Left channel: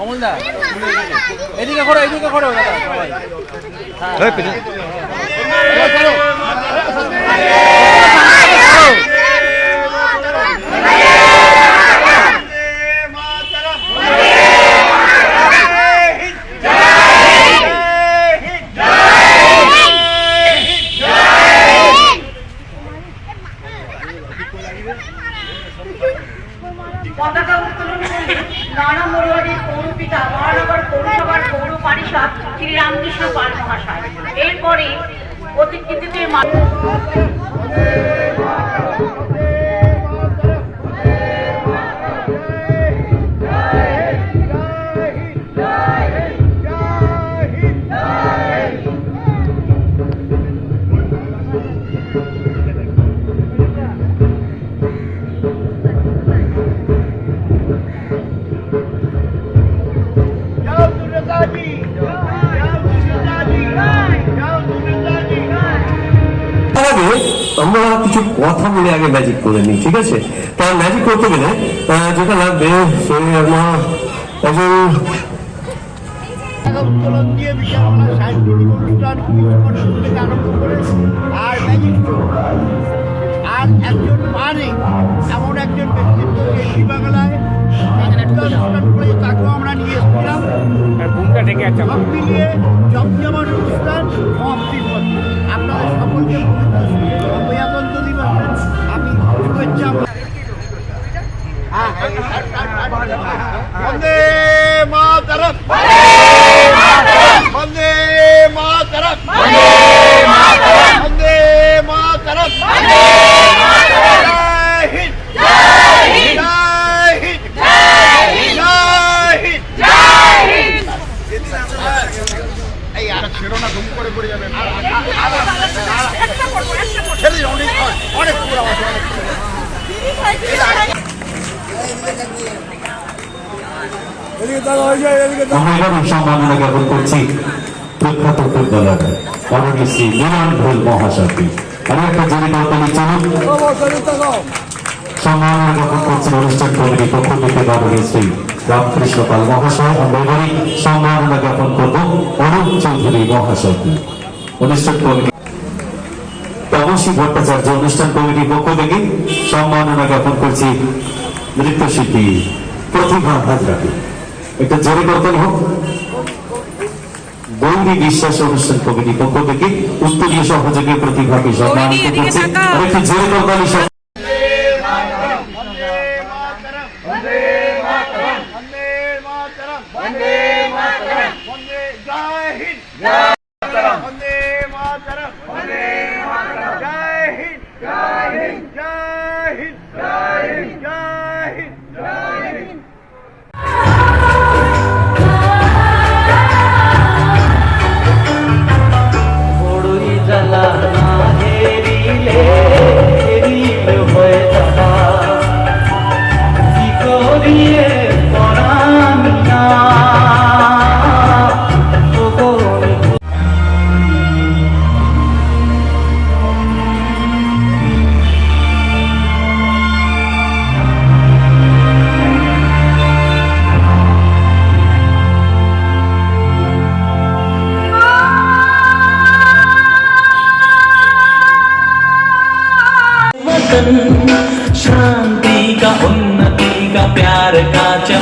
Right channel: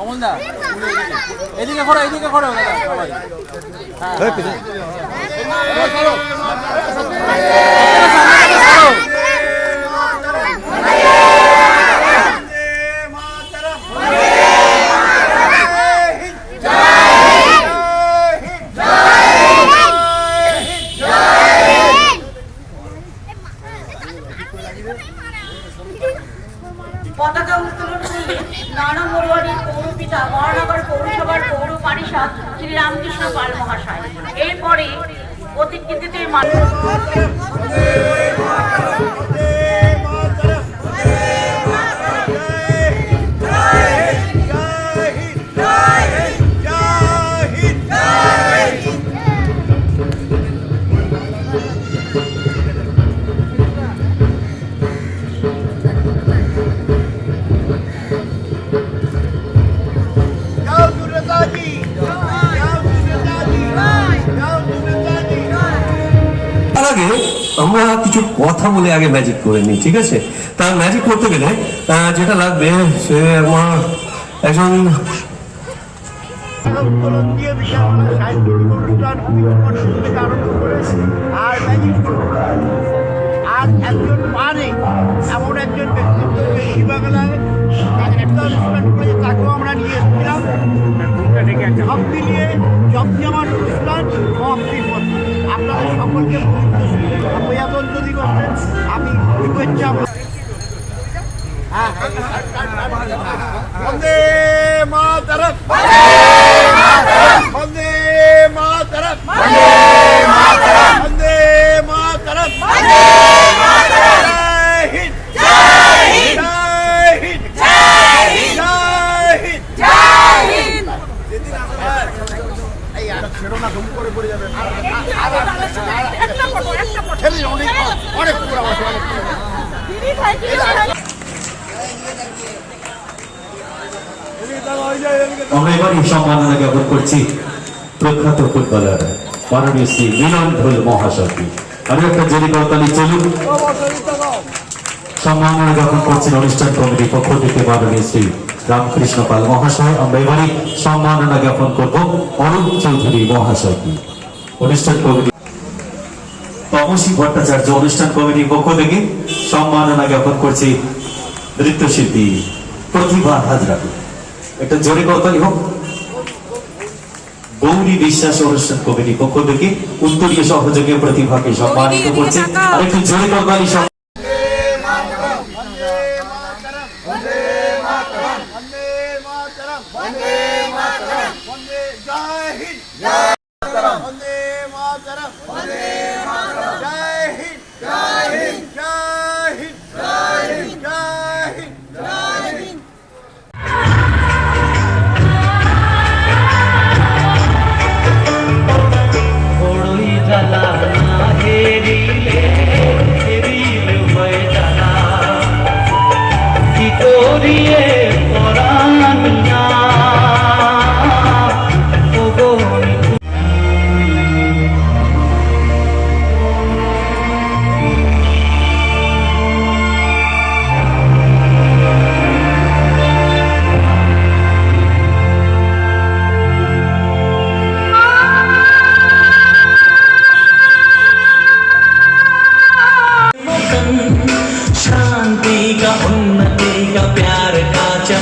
অমলদা এদিকে করো এদিকে করো দাদা পারিষদ শ্রী রামকৃষ্ণ পাল মহাশয়। এরপরে প্রতিকৃতিতে মানুষ আমরা কিছু কথা বলে আগে ম্যাজিক করে নিই ঠিক আছে? তা ম্যাজিক করতে গেলে যেটা লাগবে সে আমার একজন উত্তোলন দিয়ে বিশালবেলা সাংস্কৃতিক অনুষ্ঠান থেকে আরম্ভ করে আর ম্যাজিক আর একজন মানে এমন একজন ব্যক্তিত্ব যে শিবাগলায় একটা অনুষ্ঠান করে তাকেও আমরা নিয়ে এসেছিলাম। সব মিলিয়ে জমজমাট অনুষ্ঠান সমাপ্তির পথে। সকলকে পবিত্র যদি করতেন আমি শুভেচ্ছা হ্যাঁ, হ্যাঁ, হ্যাঁ, হ্যাঁ, হ্যাঁ, হ্যাঁ। মাতরম আমরা এবার সম্মাননা জ্ঞাপন করছি প্রখ্যাত ফুটবলার মাননীয় শ্রী মিলন ভোল মহাশয়কে আমি একটা জেরি চলুন। সম্মাননা জ্ঞাপন করছেন অনুষ্ঠান কমিটির পক্ষ থেকে মাননীয় শ্রী রামকৃষ্ণ পাল মহাশয়। আমরা এবারই সম্মাননা জ্ঞাপন করব অরূপ চৌধুরী মহাশয়কে অনুষ্ঠান কমিটি তমসী ভট্টাচার্য অনুষ্ঠান কমিটির পক্ষ থেকে সম্মাননা জ্ঞাপন করছি নৃত্যশিল্পী প্রতিভা হাজরাকে। একটা জোরে করতাল হোক গৌরী বিশ্বাস অনুষ্ঠান কমিটি পক্ষ থেকে উত্তরীয় সহযোগী প্রতিভাকে একটি জোরে করতালি Jai Hind! Jai Hind! Jai Hind! Jai Hind! Jai Hind!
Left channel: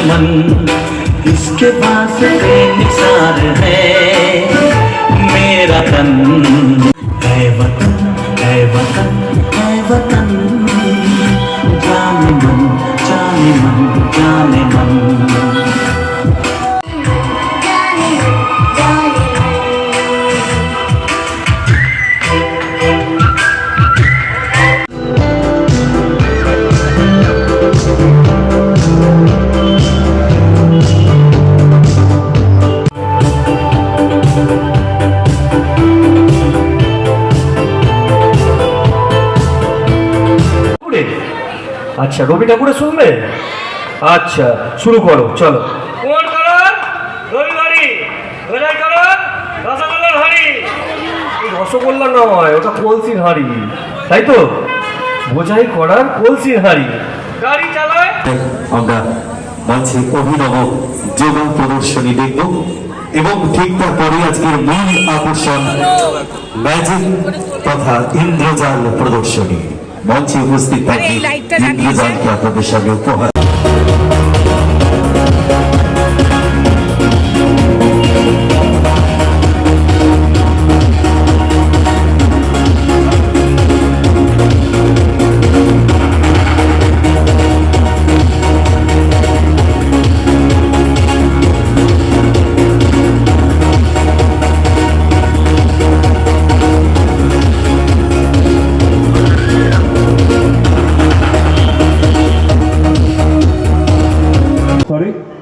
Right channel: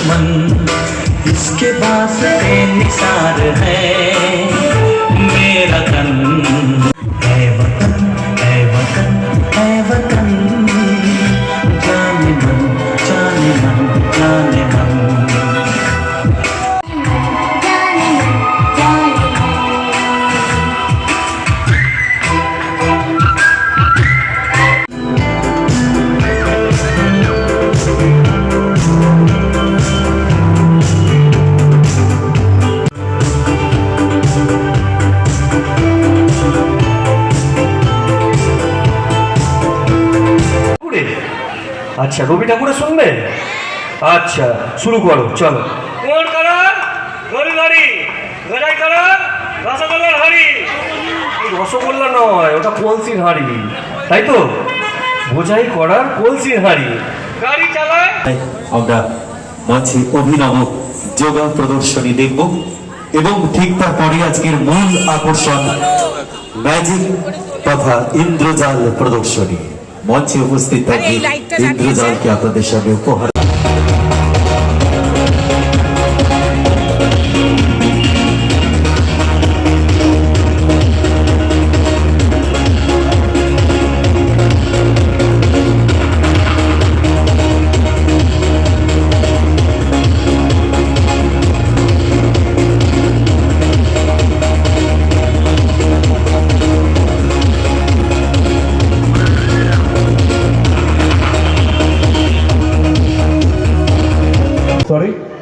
चमन इसके पास निसार है मेरा तन আচ্ছা রবি ঠাকুরে শুনবে? আচ্ছা শুরু করো চলো। রসগোল্লা নয় ওটা কলসির হাড়ি তাই তো? বোঝাই করার কলসির হাড়ি। গাড়ি চালায় আমরা মঞ্চে অভিনব যোগা প্রদর্শনী দেখব এবং ঠিক তারপরে আজকের মূল আকর্ষণ ম্যাজিক তথা ইন্দ্রজাল প্রদর্শনী। মঞ্চে উপস্থিত থাকি আপনাদের সামনে উপহার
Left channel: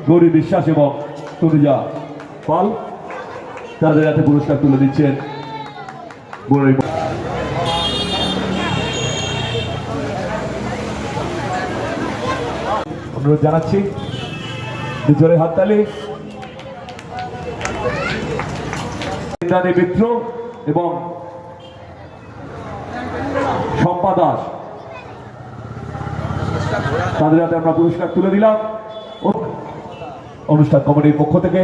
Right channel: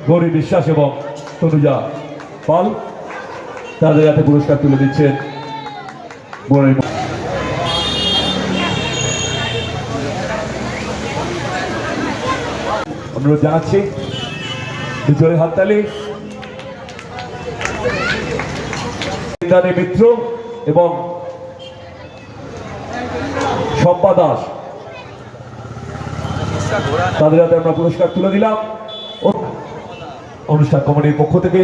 গৌরী বিশ্বাস এবং তনুজা পাল, তাদের হাতে পুরস্কার তুলে দিচ্ছেন অনুরোধ জানাচ্ছি জোরে হাততালি। ইন্দ্রাণী মিত্র এবং শম্পা দাস। তাদের হাতে আমরা পুরস্কার তুলে দিলাম। অনুষ্ঠান কমিটির পক্ষ থেকে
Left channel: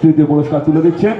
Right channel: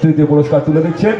তৃতীয় পুরস্কার তুলে দিচ্ছেন।